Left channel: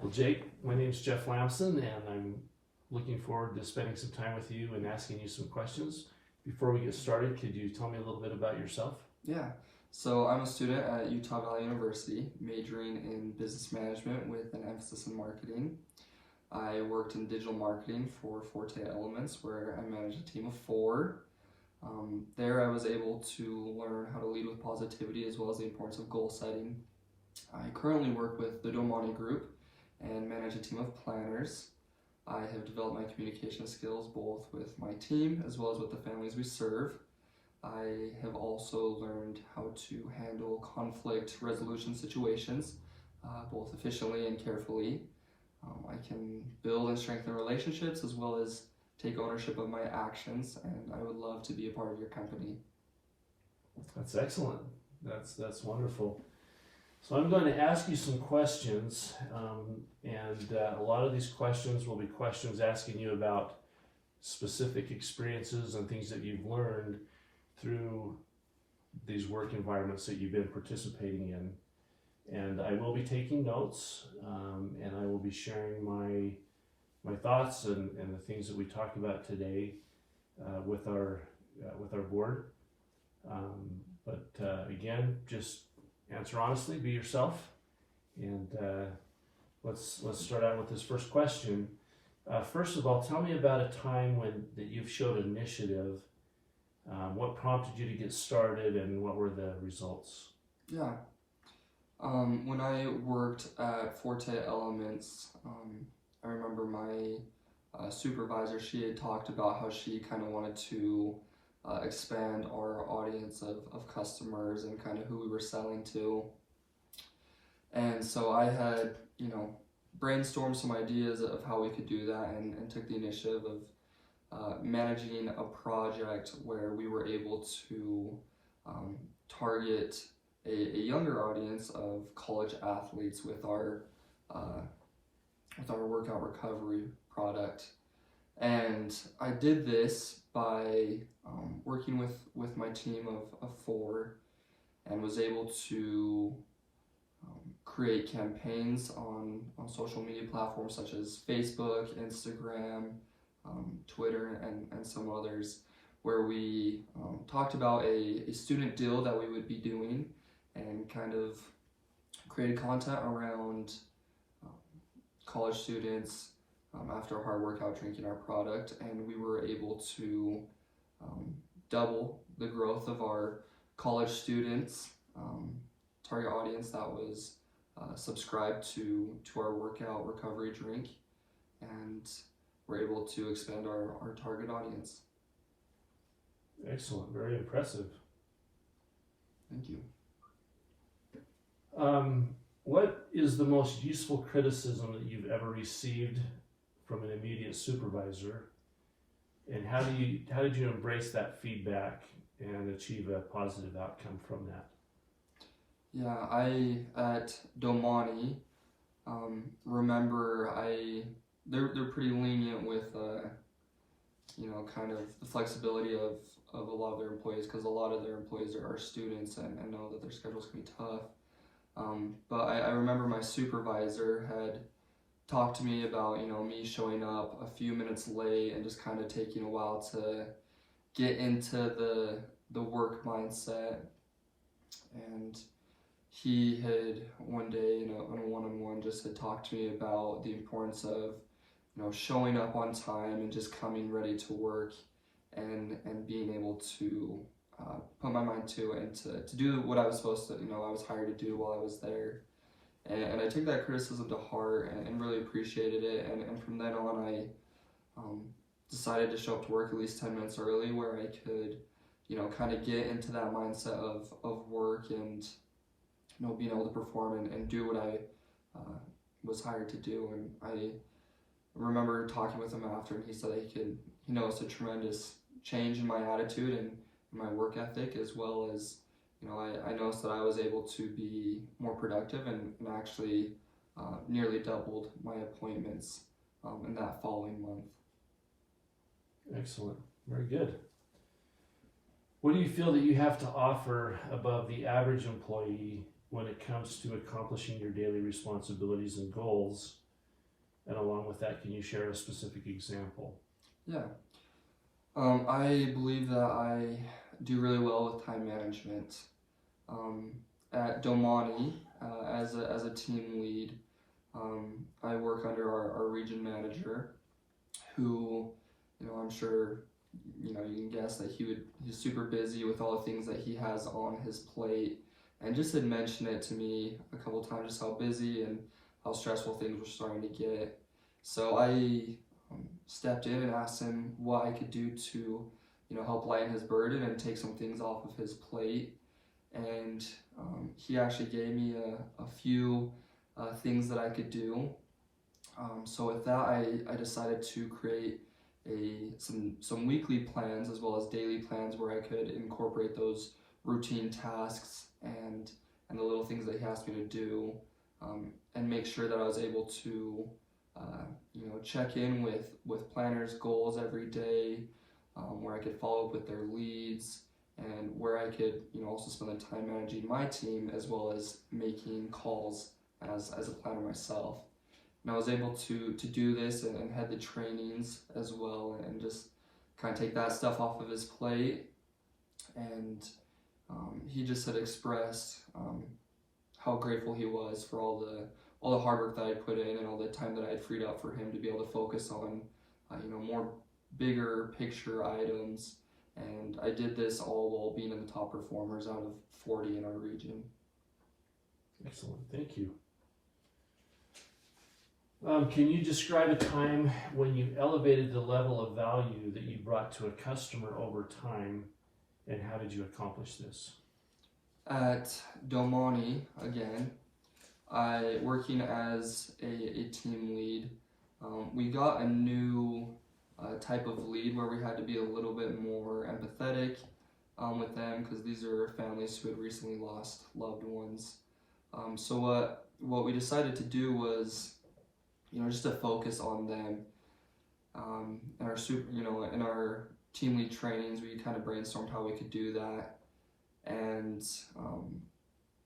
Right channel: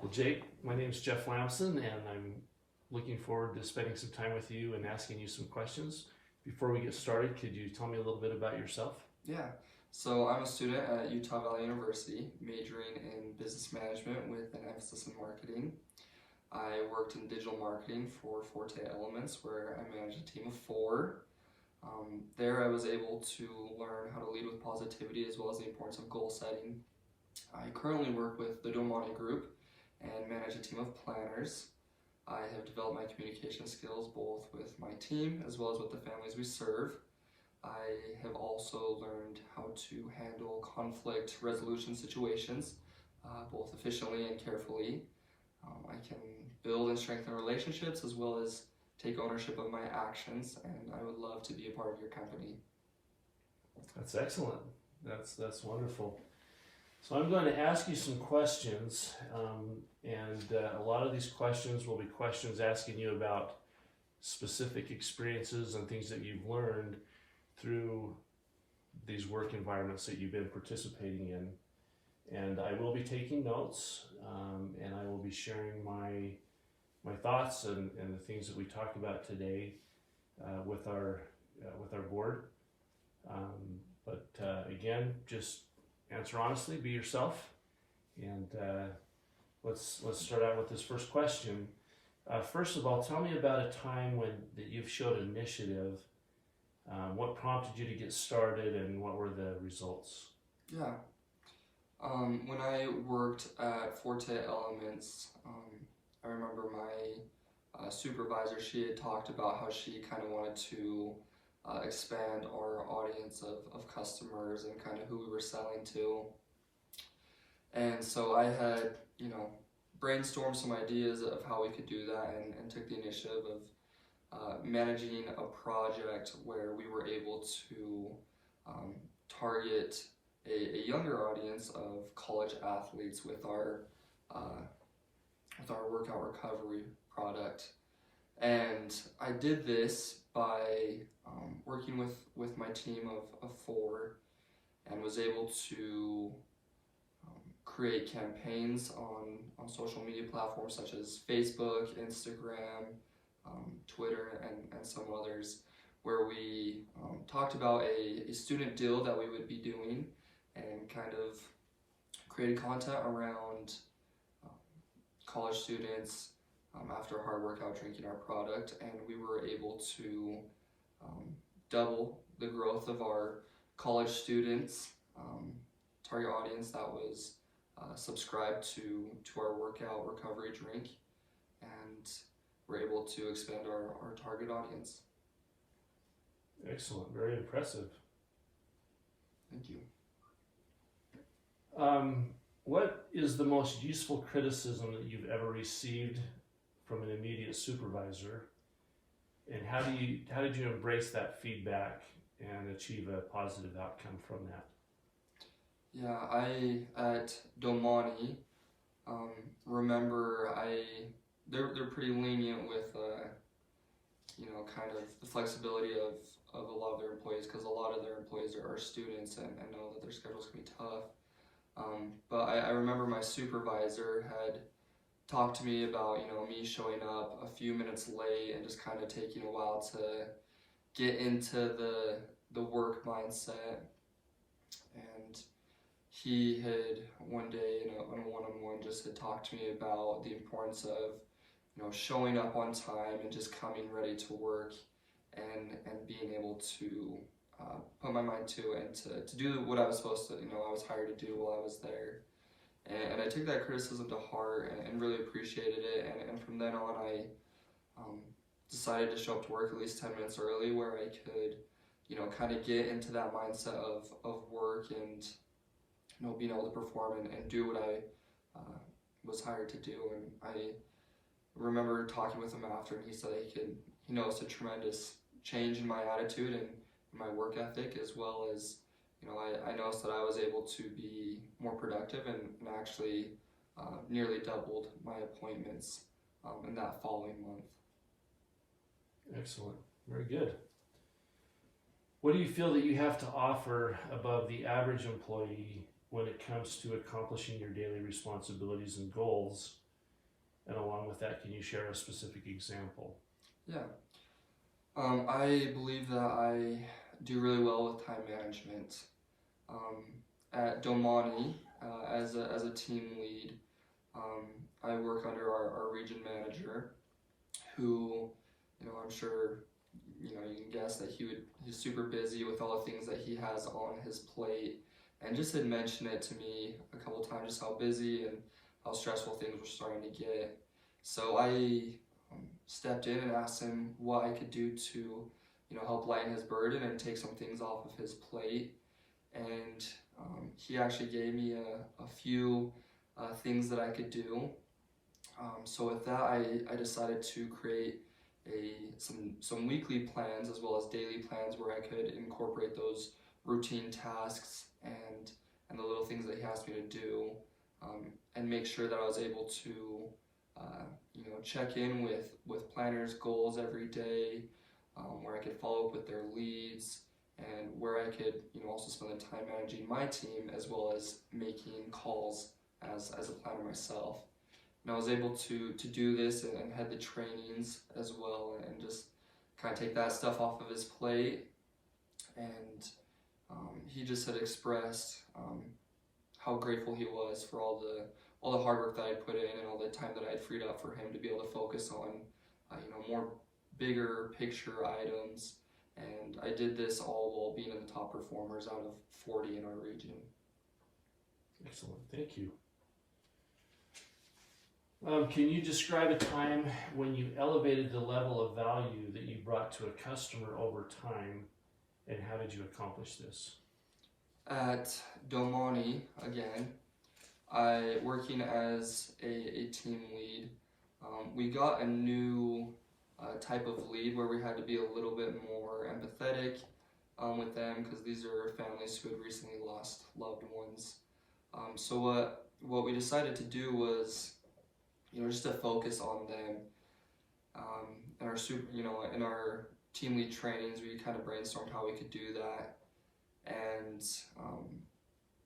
Well, Jake, my name's Jeff Lambson, and I'm looking forward to spending some time with you and asking you some questions. Before we get started, could you tell me a little bit about yourself? Yeah, so I'm a student at Utah Valley University, majoring in business management with an emphasis in marketing. I worked in digital marketing for Forte Elements, where I managed a team of 4. There I was able to learn how to lead with positivity as well as the importance of goal setting. I currently work with the Domani Group and manage a team of planners. I have developed my communication skills both with my team as well as with the families we serve. I have also learned how to handle conflict resolution situations, both efficiently and carefully. I can build and strengthen relationships as well as take ownership of my actions, and I would love to be a part of your company. That's excellent. That's wonderful. So I'm going to ask you some questions, and a lot of these questions will be questions asking you about specific experiences and things that you've learned through these work environments that you've been participating in. And I will be taking notes, and I will be sharing my thoughts and the things that we talked about today with our board. But again, just answer honestly, be yourself, and let's start out with this first question. First of all, tell me about a time that you've showed initiative. What prompted you to get started, and what were the results? Yeah. When I worked at Forte Elements, I remember my supervisor, she had talked about how she kind of wanted to expand our audience of customers and kind of who we were selling to. And so I had, brainstormed some ideas of how we could do that, and took the initiative of managing a project where we were able to target a younger audience of college athletes with our workout recovery product. And I did this by working with my team of 4, and was able to create campaigns on social media platforms such as Facebook, Instagram, Twitter, and some others, where we talked about a student deal that we would be doing, and kind of created content around college students after a hard workout drinking our product, and we were able to double the growth of our college students target audience that was subscribed to our workout recovery drink, and we're able to expand our target audience. Excellent, very impressive. Thank you. What is the most useful criticism that you've ever received from an immediate supervisor, and how did you embrace that feedback and achieve a positive outcome from that? Yeah, I at Domani remember they're pretty lenient with kind of the flexibility of a lot of their employees, because a lot of their employees are students and know that their schedules can be tough. But I remember my supervisor had talked to me about me showing up a few minutes late and just kind of taking a while to get into the work mindset. And he had one day in a one-on-one just had talked to me about the importance of showing up on time and just coming ready to work, and being able to put my mind to it, and to do what I was supposed to, I was hired to do while I was there. And I took that criticism to heart and really appreciated it. And from then on, I decided to show up to work at least 10 minutes early, where I could, kind of get into that mindset of work, and, being able to perform and do what I was hired to do. And I remember talking with him after, and he said he noticed a tremendous change in my attitude and my work ethic, as well as I noticed that I was able to be more productive, and actually nearly doubled my appointments in that following month. Excellent, very good. What do you feel that you have to offer above the average employee when it comes to accomplishing your daily responsibilities and goals, And along with that, can you share a specific example? Yeah. I believe that I do really well with time management. At Domani, as a team lead, I work under our region manager, who, I'm sure, you can guess that he's super busy with all the things that he has on his plate, and just had mentioned it to me a couple times, just how busy and how stressful things were starting to get. So I stepped in and asked him what I could do to, help lighten his burden and take some things off of his plate. And he actually gave me a few things that I could do. So with that, I decided to create some weekly plans as well as daily plans where I could incorporate those routine tasks and the little things that he asked me to do, and make sure that I was able to check in with planners' goals every day, where I could follow up with their leads, and where I could also spend the time managing my team as well as making calls as a planner myself. And I was able to do this and head the trainings as well, and just kind of take that stuff off of his plate. And he just had expressed how grateful he was for all the hard work that I put in and all the time that I had freed up for him to be able to focus on more bigger picture items. And I did this all while being in the top performers out of 40 in our region. Excellent, thank you. Can you describe a time when you elevated the level of value that you brought to a customer over time, and how did you accomplish this? At Domani, again, working as a team lead, we got a new type of lead where we had to be a little bit more empathetic with them, because these are families who had recently lost loved ones. So what we decided to do was, just to focus on them. In our team lead trainings, we kind of brainstormed how we could do that, and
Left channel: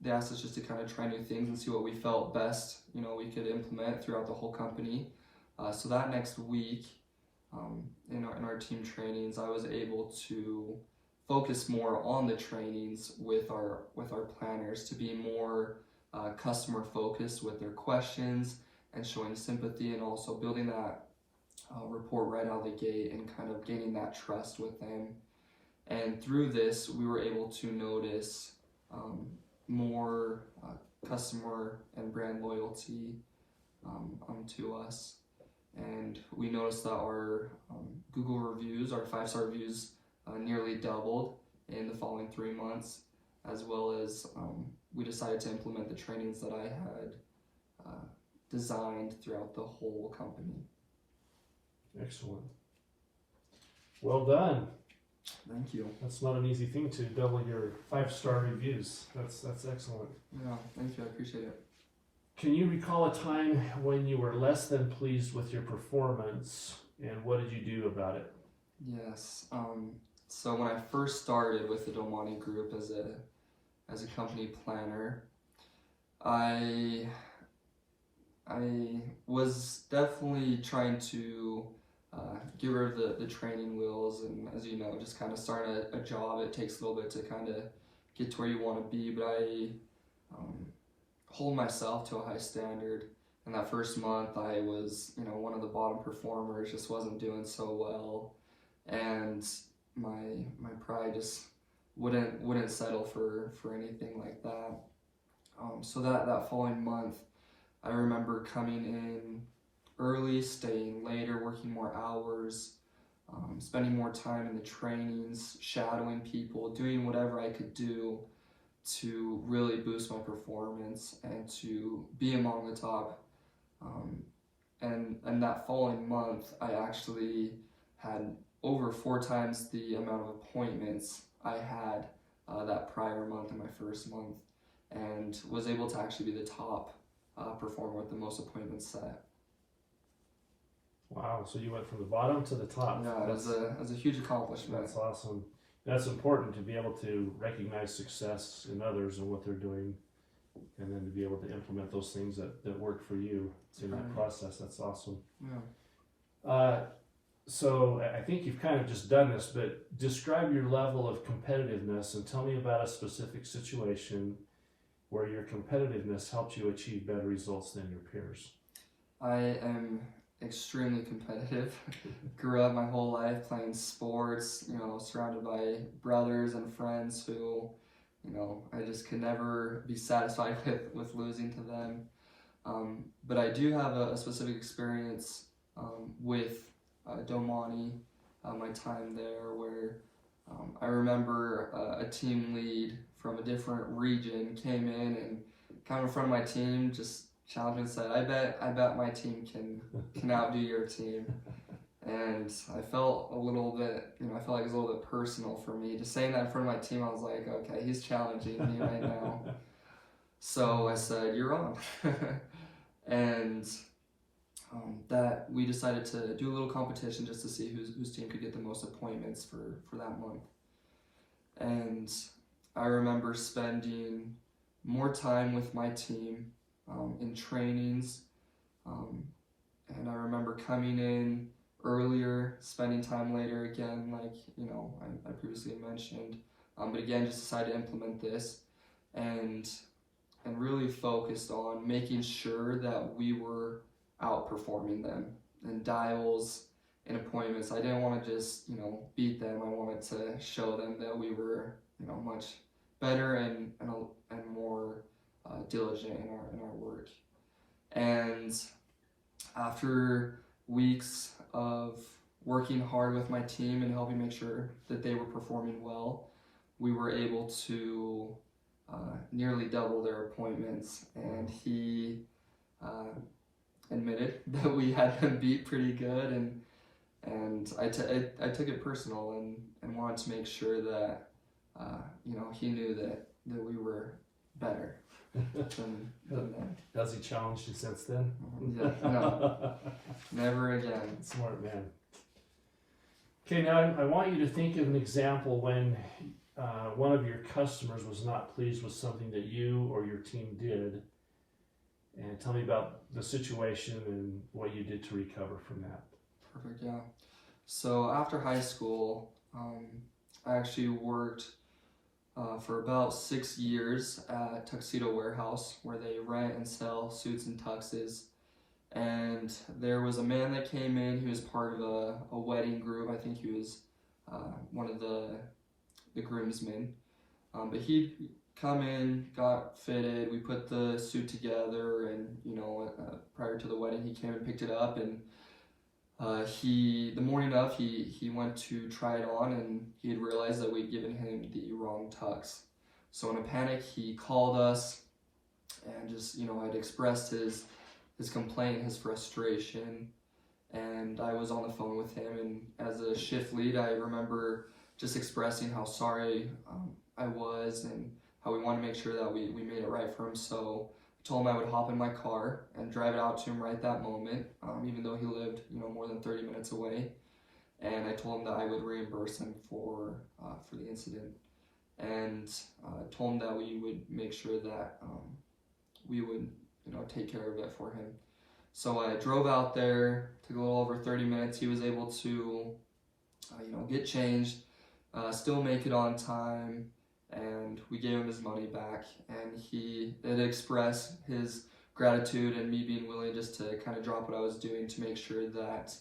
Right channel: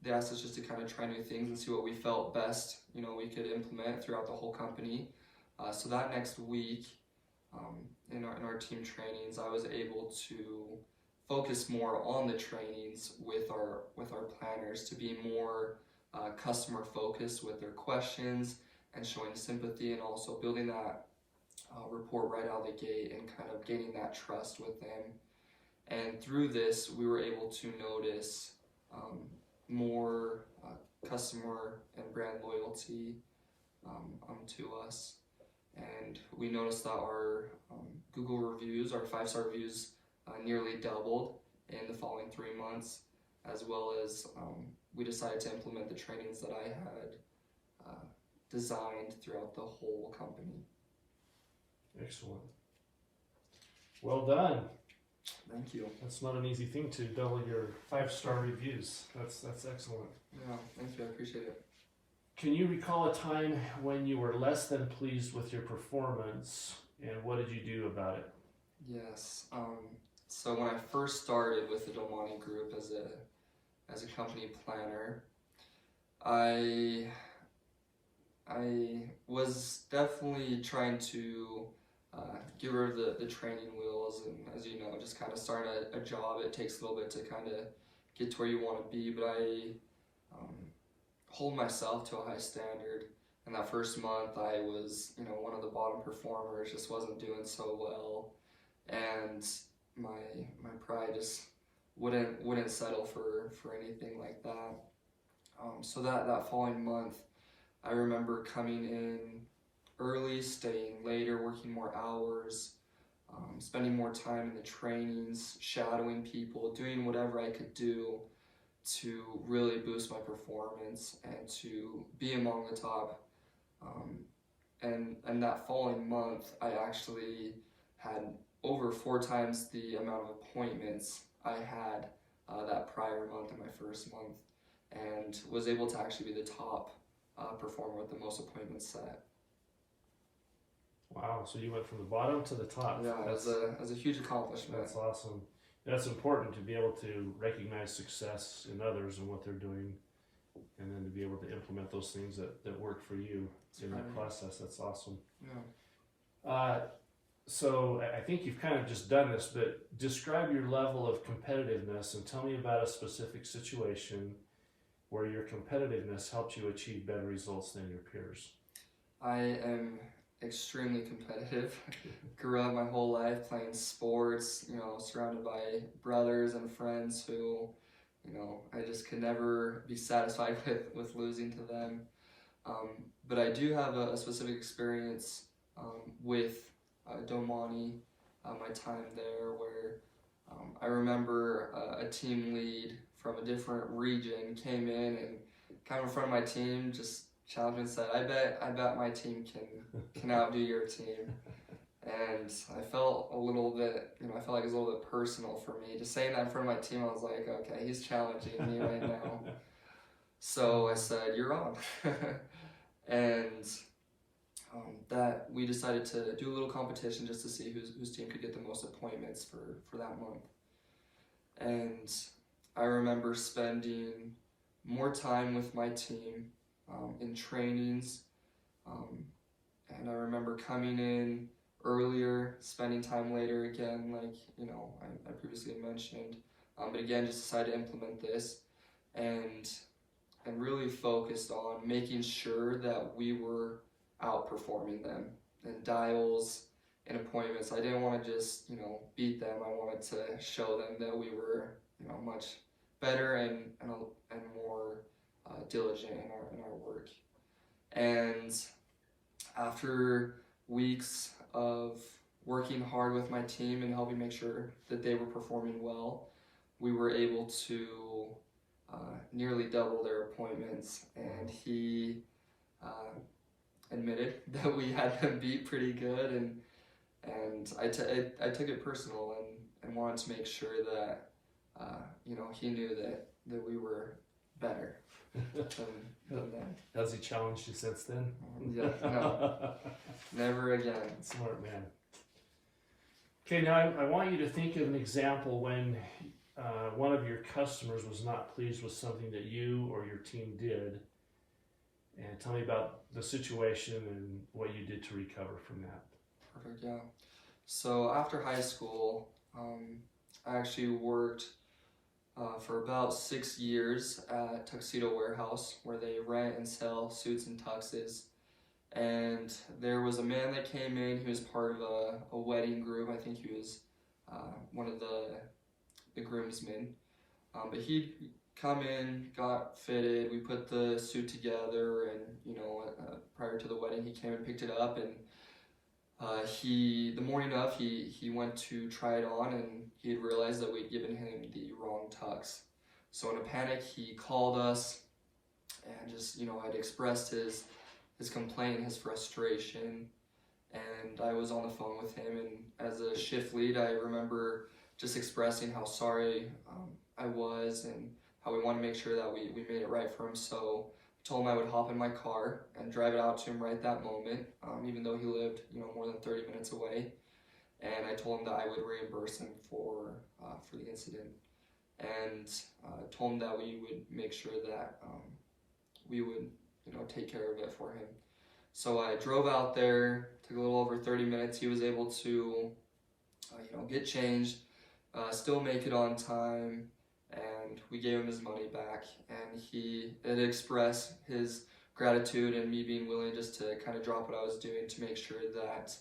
they asked us just to kind of try new things and see what we felt best, we could implement throughout the whole company. So that next week, in our team trainings, I was able to focus more on the trainings with our planners to be more customer focused with their questions and showing sympathy, and also building that rapport right out of the gate and kind of gaining that trust with them. And through this, we were able to notice more customer and brand loyalty to us. And we noticed that our Google reviews, our 5-star reviews, nearly doubled in the following 3 months, as well as we decided to implement the trainings that I had designed throughout the whole company. Excellent. Well done. Thank you. That's not an easy thing to double your 5-star reviews. That's excellent. Yeah, thank you. I appreciate it. Can you recall a time when you were less than pleased with your performance, and what did you do about it? Yes. So when I first started with the Domani Group as a company planner, I was definitely trying to get rid of the training wheels, and as you know, just kind of starting a job, it takes a little bit to kind of get to where you want to be, but I hold myself to a high standard. In that first month, I was, one of the bottom performers, just wasn't doing so well, and my pride just wouldn't settle for anything like that. So that following month, I remember coming in early, staying later, working more hours, spending more time in the trainings, shadowing people, doing whatever I could do to really boost my performance and to be among the top. And that following month, I actually had over 4 times the amount of appointments I had that prior month in my first month, and was able to actually be the top performer with the most appointments set. Wow, so you went from the bottom to the top. Yeah, it was a huge accomplishment. That's awesome. That's important, to be able to recognize success in others and what they're doing and then to be able to implement those things that work for you in that Right. process. That's awesome. Yeah. So I think you've kind of just done this, but describe your level of competitiveness and tell me about a specific situation where your competitiveness helped you achieve better results than your peers. I am extremely competitive. Grew up my whole life playing sports, surrounded by brothers and friends who, I just could never be satisfied with losing to them. But I do have a specific experience with Domani, my time there, where I remember a team lead from a different region came in and kind of in front of my team just challenged me and said, I bet my team can outdo your team. And I felt a little bit, I felt like it was a little bit personal for me. Just saying that in front of my team, I was like, okay, he's challenging me right now. So I said, you're wrong. And that we decided to do a little competition just to see whose team could get the most appointments for that month. And I remember spending more time with my team in trainings, and I remember coming in earlier, spending time later again, like I previously mentioned, but again just decided to implement this and really focused on making sure that we were outperforming them in dials and appointments. I didn't want to just beat them. I wanted to show them that we were much better and more diligent in our work. And after weeks of working hard with my team and helping make sure that they were performing well, we were able to nearly double their appointments, and he admitted that we had them beat pretty good, and I took it personal and wanted to make sure that he knew that we were better than them. Has he challenged you since then? Yeah, no, never again. Smart man. Okay, now I want you to think of an example when one of your customers was not pleased with something that you or your team did, and tell me about the situation and what you did to recover from that. Perfect, yeah. So after high school, I actually worked for about 6 years at Tuxedo Warehouse, where they rent and sell suits and tuxes. And there was a man that came in. He was part of a wedding group. I think he was one of the groomsmen. But he'd come in, got fitted. We put the suit together, and prior to the wedding, he came and picked it up. And the morning of, he went to try it on, and he had realized that we'd given him the wrong tux. So in a panic, he called us, and just I'd expressed his complaint, his frustration, and I was on the phone with him. And as a shift lead, I remember just expressing how sorry I was and how we wanted to make sure that we made it right for him. So I told him I would hop in my car and drive it out to him right that moment, even though he lived more than 30 minutes away. And I told him that I would reimburse him for the incident, and told him that we would make sure that we would take care of it for him. So I drove out there, took a little over 30 minutes. He was able to get changed, still make it on time, and we gave him his money back. And he did express his gratitude and me being willing just to kind of drop what I was doing to make sure that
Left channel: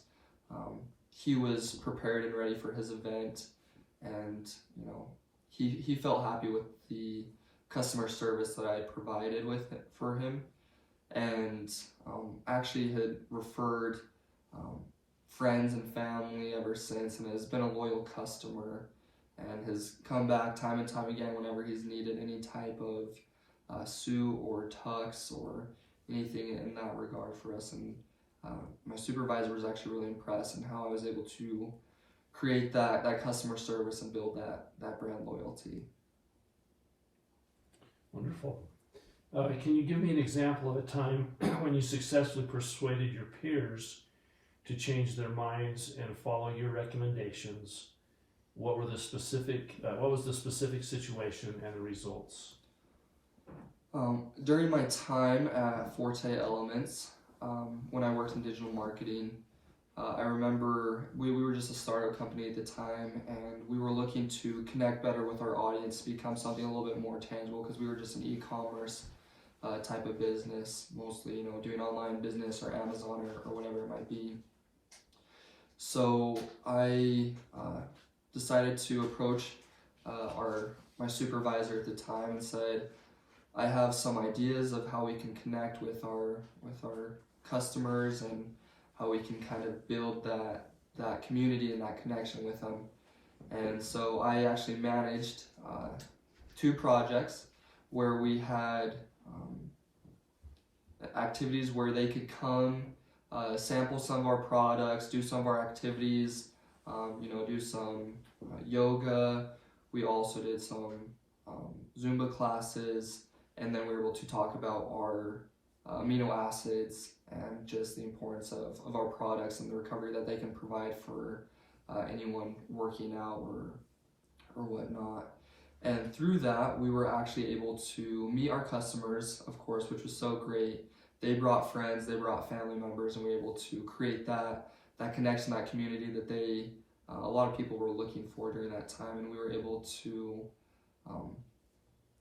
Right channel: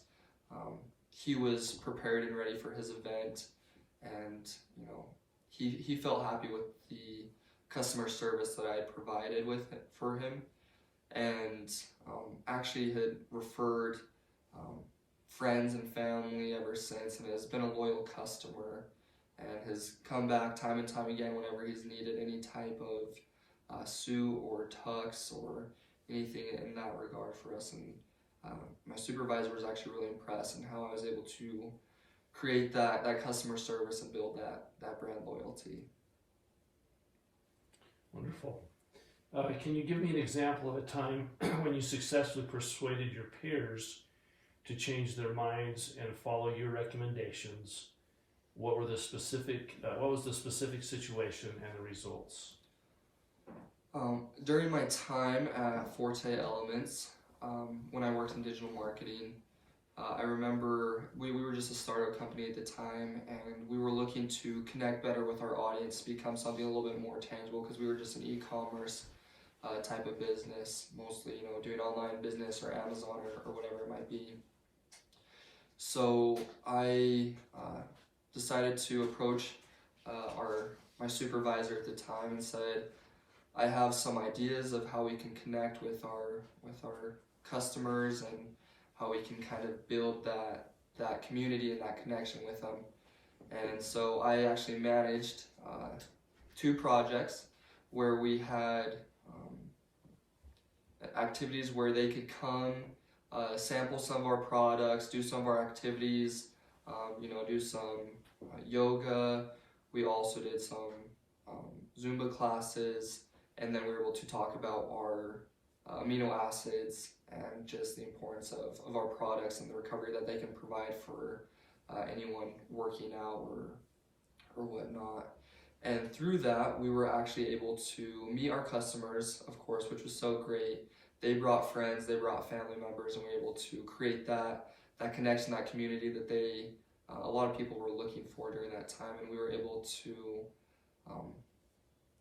he was prepared and ready for his event. And he felt happy with the customer service that I had provided for him, and actually had referred friends and family ever since, and has been a loyal customer, and has come back time and time again whenever he's needed any type of suit or tux or anything in that regard for us. And my supervisor was actually really impressed in how I was able to create that customer service and build that brand loyalty. Wonderful. Can you give me an example of a time when you successfully persuaded your peers to change their minds and follow your recommendations? What was the specific situation and results? During my time at Forte Elements, when I worked in digital marketing, I remember we were just a startup company at the time, and we were looking to connect better with our audience, become something a little bit more tangible, because we were just an e-commerce type of business, mostly, doing online business or Amazon or whatever it might be. So I decided to approach my supervisor at the time and said, I have some ideas of how we can connect with our customers and how we can kind of build that community and that connection with them. And so I actually managed 2 projects where we had activities where they could come, sample some of our products, do some of our activities, do some yoga. We also did some Zumba classes, and then we were able to talk about our amino acids and just the importance of our products and the recovery that they can provide for anyone working out or whatnot. And through that, we were actually able to meet our customers, of course, which was so great. They brought friends, they brought family members, and we were able to create that connection, that community that a lot of people were looking for during that time. And we were able to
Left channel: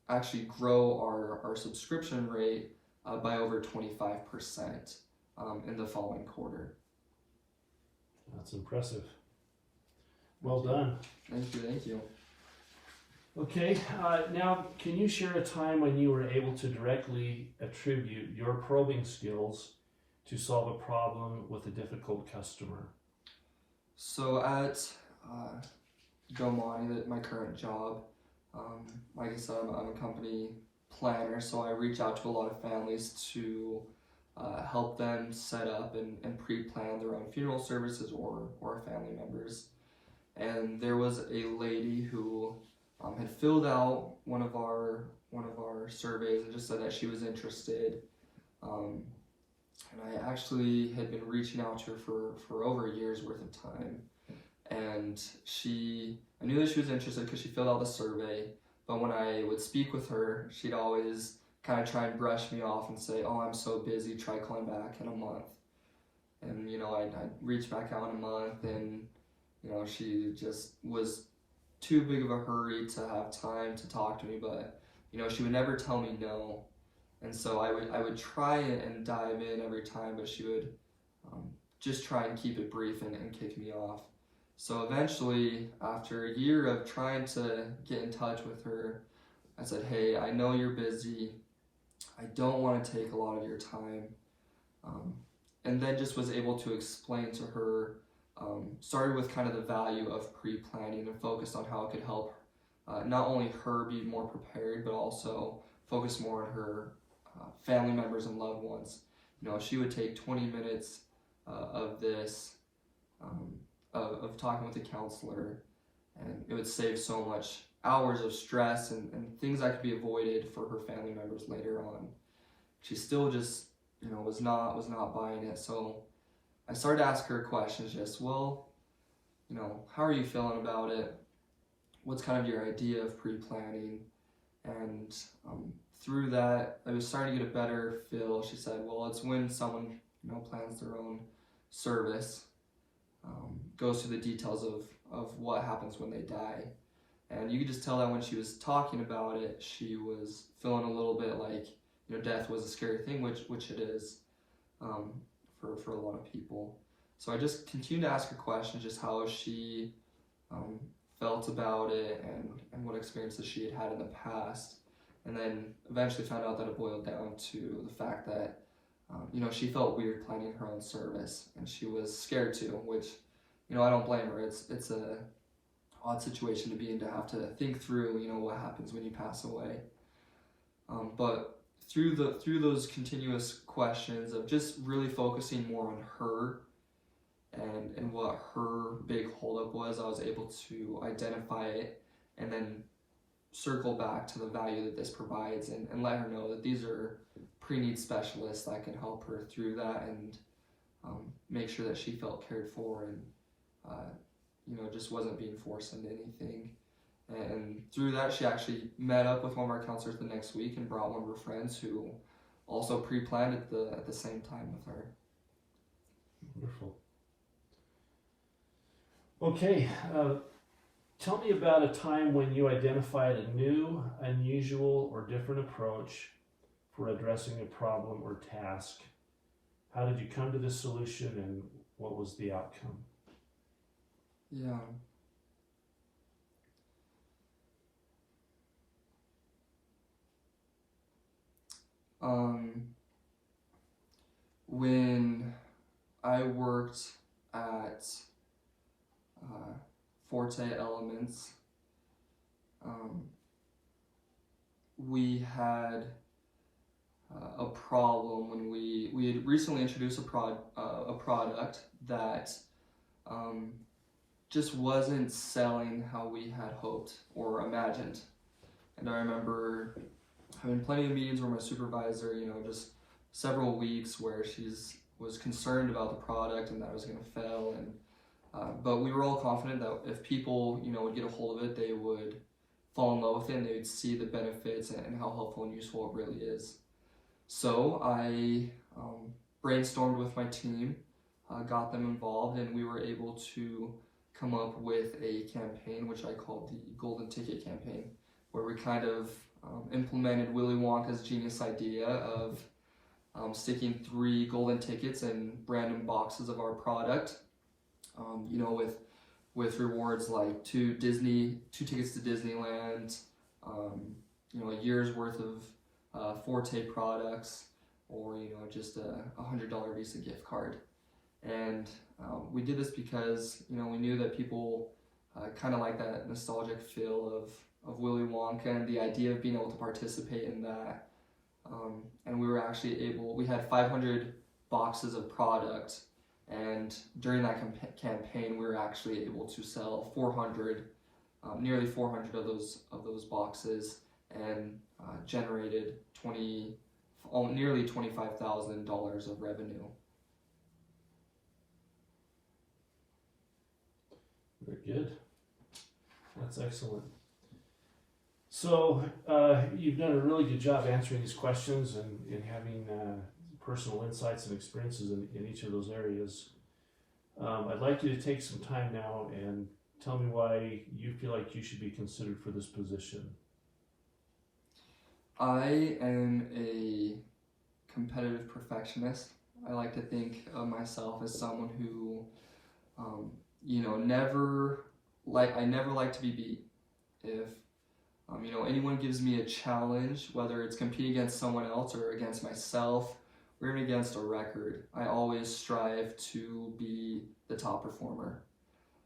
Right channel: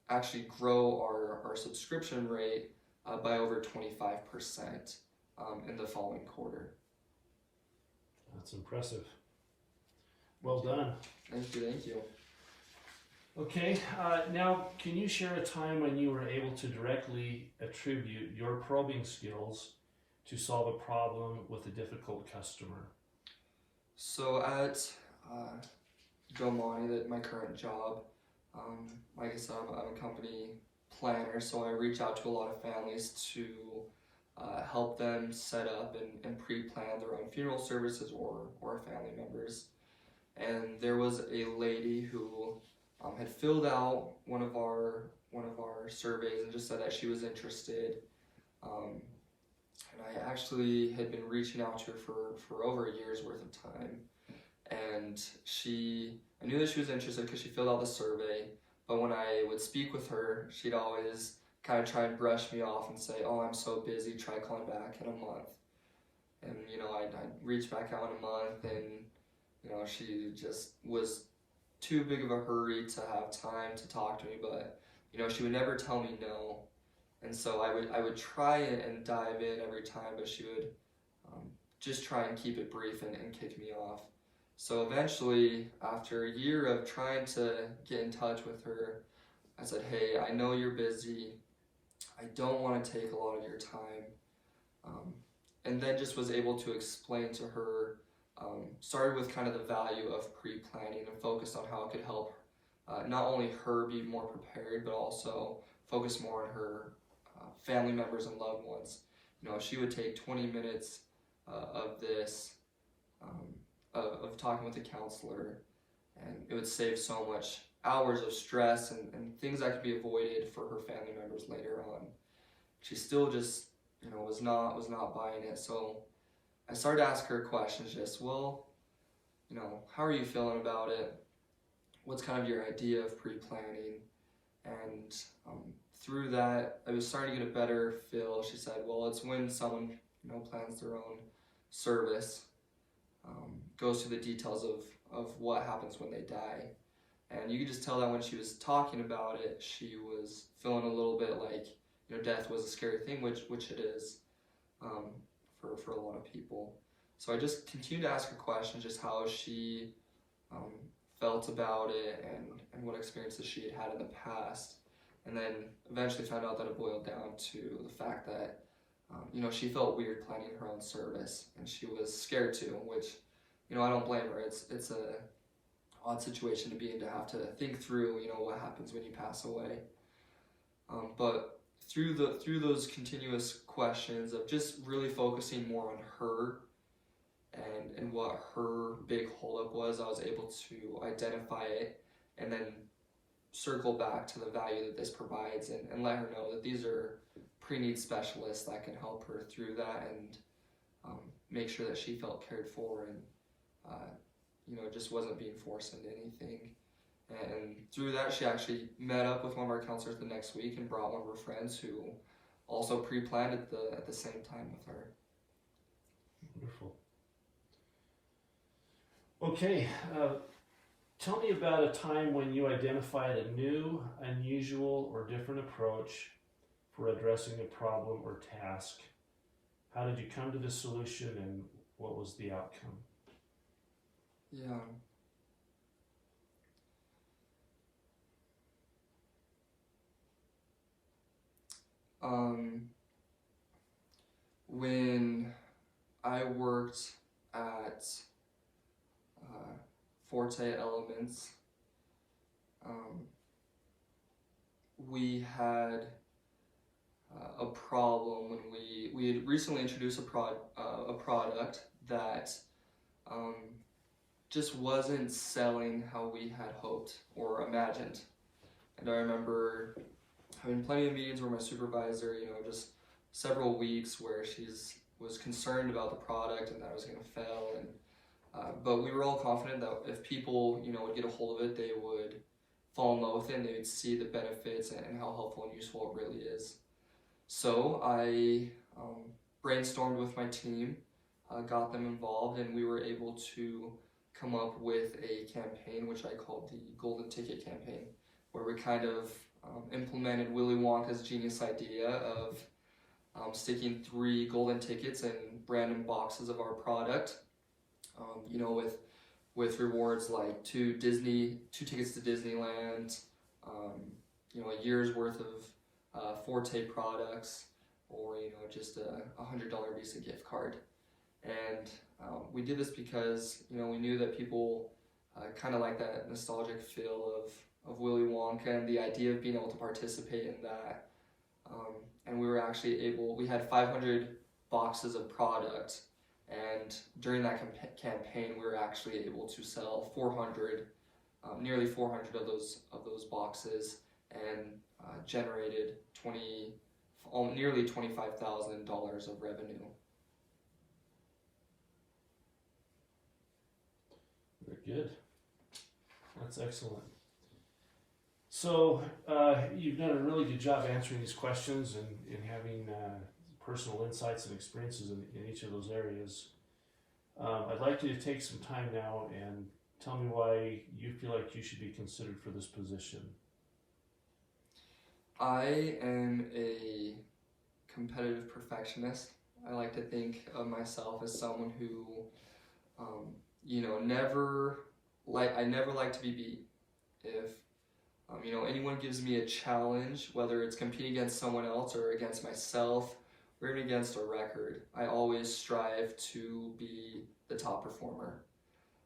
actually grow our subscription rate by over 25% in the following quarter. That's impressive. Well done. Thank you. Okay, now can you share a time when you were able to directly attribute your probing skills to solve a problem with a difficult customer? So at Domani, my current job, like I said, I'm a company planner, so I reach out to a lot of families to help them set up and pre-plan their own funeral services or family members. And there was a lady who had filled out one of our surveys and just said that she was interested. And I actually had been reaching out to her for over a year's worth of time. And I knew that she was interested because she filled out the survey. But when I would speak with her, she'd always kind of try and brush me off and say, "Oh, I'm so busy, try calling back in a month." And, I'd reach back out in a month, and, she just was too big of a hurry to have time to talk to me, but, she would never tell me no. And so I would try and dive in every time, but she would just try and keep it brief and kick me off. So eventually, after a year of trying to get in touch with her, I said, "Hey, I know you're busy. I don't want to take a lot of your time." And then just was able to explain to her, started with kind of the value of pre-planning and focused on how it could help not only her be more prepared, but also focus more on her family members and loved ones. She would take 20 minutes of this, of talking with a counselor, and it would save so much hours of stress and things that could be avoided for her family members later on. She still just, was not buying it. So I started to ask her questions, just, well, how are you feeling about it? What's kind of your idea of pre-planning? And through that, I was starting to get a better feel. She said, well, it's when someone, plans their own service, goes through the details of what happens when they die. And you could just tell that when she was talking about it, she was feeling a little bit like, death was a scary thing, which it is for a lot of people. So I just continued to ask her questions, just how she felt about it and what experiences she had in the past. And then eventually found out that it boiled down to the fact that, she felt weird planning her own service, and she was scared too, which, I don't blame her. It's a odd situation to be in, to have to think through, what happens when you pass away. But through those continuous questions of just really focusing more on her and what her big holdup was, I was able to identify it and then circle back to the value that this provides and let her know that these are pre-need specialists that can help her through that and make sure that she felt cared for and just wasn't being forced into anything. And through that, she actually met up with one of our counselors the next week and brought one of her friends who also pre-planned at the same time with her. Wonderful. Okay, tell me about a time when you identified a new, unusual, or different approach for addressing a problem or task. How did you come to this solution, and what was the outcome? Yeah. When I worked at Forte Elements, we had a problem when we had recently introduced a product that just wasn't selling how we had hoped or imagined. And I remember having plenty of meetings where my supervisor, just several weeks where was concerned about the product and that it was going to fail. And but we were all confident that if people, would get a hold of it, they would fall in love with it and they would see the benefits and how helpful and useful it really is. So I brainstormed with my team, got them involved, and we were able to come up with a campaign which I called the Golden Ticket Campaign, where we kind of implemented Willy Wonka's genius idea of sticking 3 golden tickets in random boxes of our product, with rewards like 2 tickets to Disneyland, a year's worth of Forte products, or just a $100 Visa gift card. And we did this because we knew that people kind of like that nostalgic feel of Willy Wonka and the idea of being able to participate in that. And we had 500 boxes of product, and during that campaign we were actually able to sell nearly 400 of those boxes, and generated nearly $25,000 of revenue. Very good. That's excellent. So you've done a really good job answering these questions and having personal insights and experiences in each of those areas. I'd like you to take some time now and tell me why you feel like you should be considered for this position. I am a competitive perfectionist. I like to think of myself as someone who, I never like to be beat. If anyone gives me a challenge, whether it's competing against someone else or against myself or even against a record, I always strive to be the top performer.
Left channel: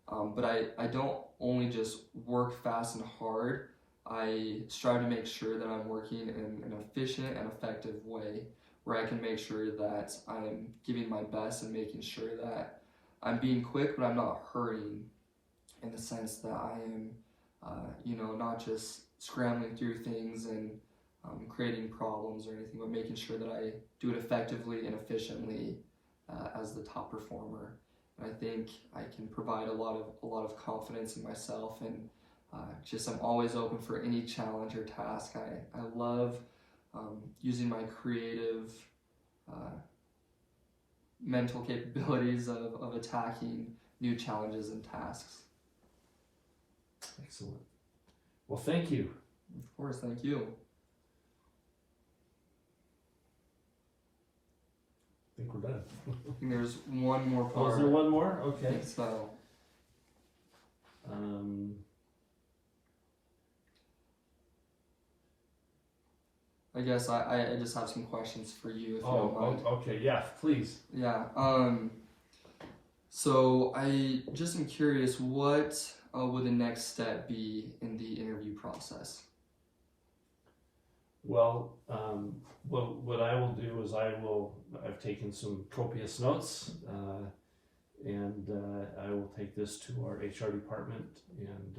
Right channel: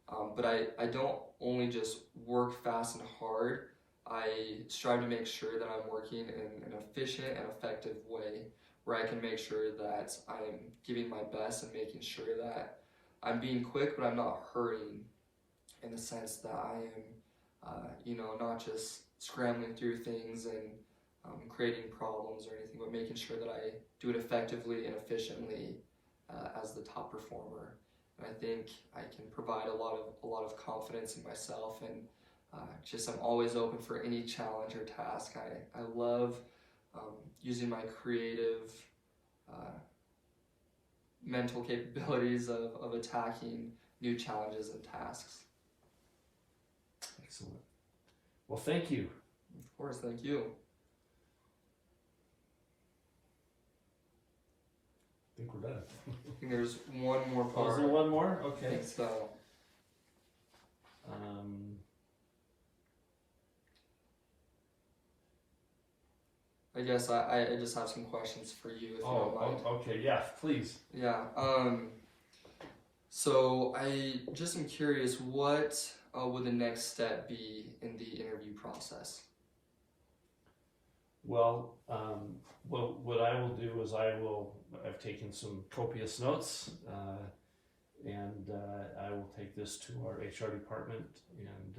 But I don't only just work fast and hard. I strive to make sure that I'm working in an efficient and effective way where I can make sure that I'm giving my best and making sure that I'm being quick, but I'm not hurrying, in the sense that I am, not just scrambling through things and creating problems or anything, but making sure that I do it effectively and efficiently as the top performer. And I think I can provide a lot of confidence in myself, and I'm always open for any challenge or task. I love using my creative mental capabilities of attacking new challenges and tasks. Excellent. Well, thank you. Of course, thank you. I think we're done. I think there's one more part. Oh, is there one more? Okay. So, I guess I just have some questions for you, if you don't mind. Okay, yeah, please. Yeah. So I just am curious, what would the next step be in the interview process? Well, what I will do is I've taken some copious notes, and I will take this to our HR department and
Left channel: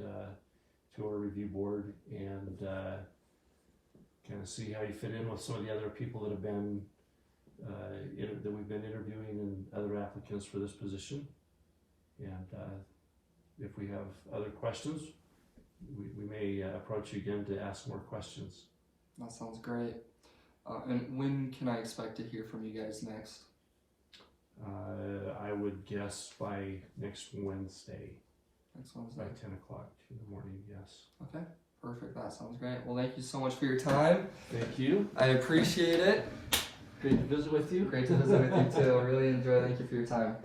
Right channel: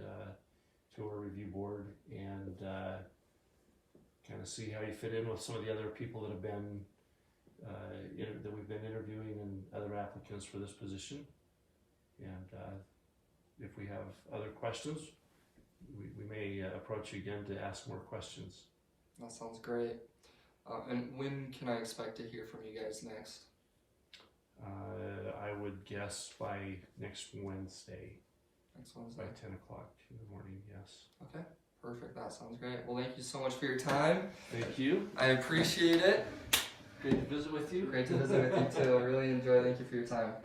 to our review board, and kind of see how you fit in with some of the other people that have been that we've been interviewing and other applicants for this position. And if we have other questions, we may approach you again to ask more questions. That sounds great. And when can I expect to hear from you guys next? I would guess by next Wednesday. Next Wednesday. By 10 o'clock in the morning, yes. Okay, perfect. That sounds great. Well, thank you so much for your time. Thank you. I appreciate it. Great to visit with you. Great to visit with you too. I really enjoy it. Thank you for your time.